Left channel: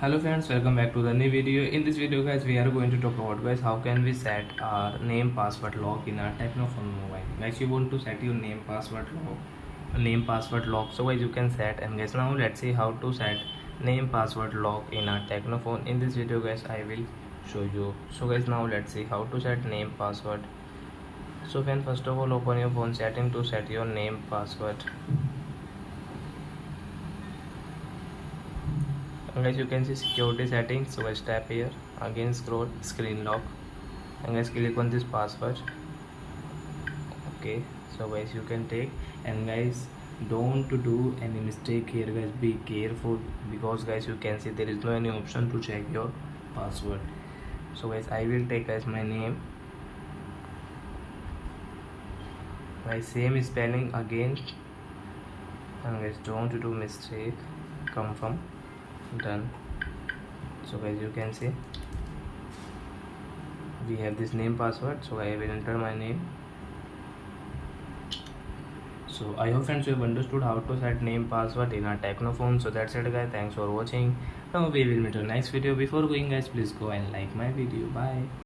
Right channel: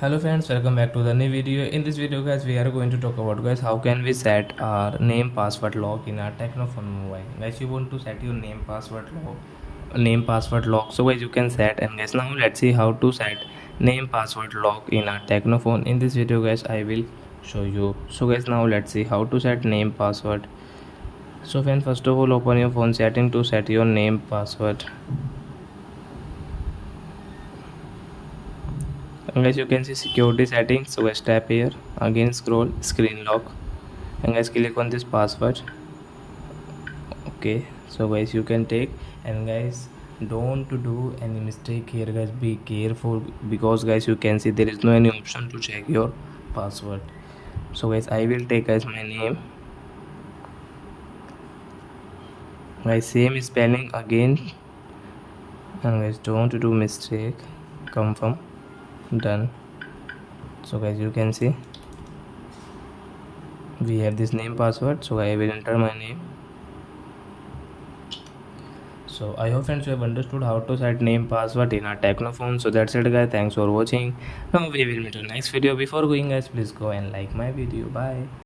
Hello friends, welcome back to the new video. In this video guys, we are going to talk about guys how can we set our name password lock in our Tecno phone mobile. Guys, you want to set your name password lock. So guys, you can set, and guys, now let's see how to set name password lock in our Tecno phone. In this video guys, I will show you. So guys, now let's see how to set name password. So friends, first of all, open your phone setting to set your name password. And guys, you can see security settings. So guys, tap here, again scroll screen lock, and guys click on this password. Okay, so guys you can take, and guys don't do any mistake here guys, be careful, because guys you can see there is no any option to check your password. So guys, I will take as my name, guys same spelling again, and guys don't do mistake, confirm, done. So guys you can see we have this name password, so I will enter my name. So I hope friends you have understood how to set name password in our Tecno phone. So that's it guys, thanks for watching. Now we will meet in next video. Before going guys, please go and like my video. Bye.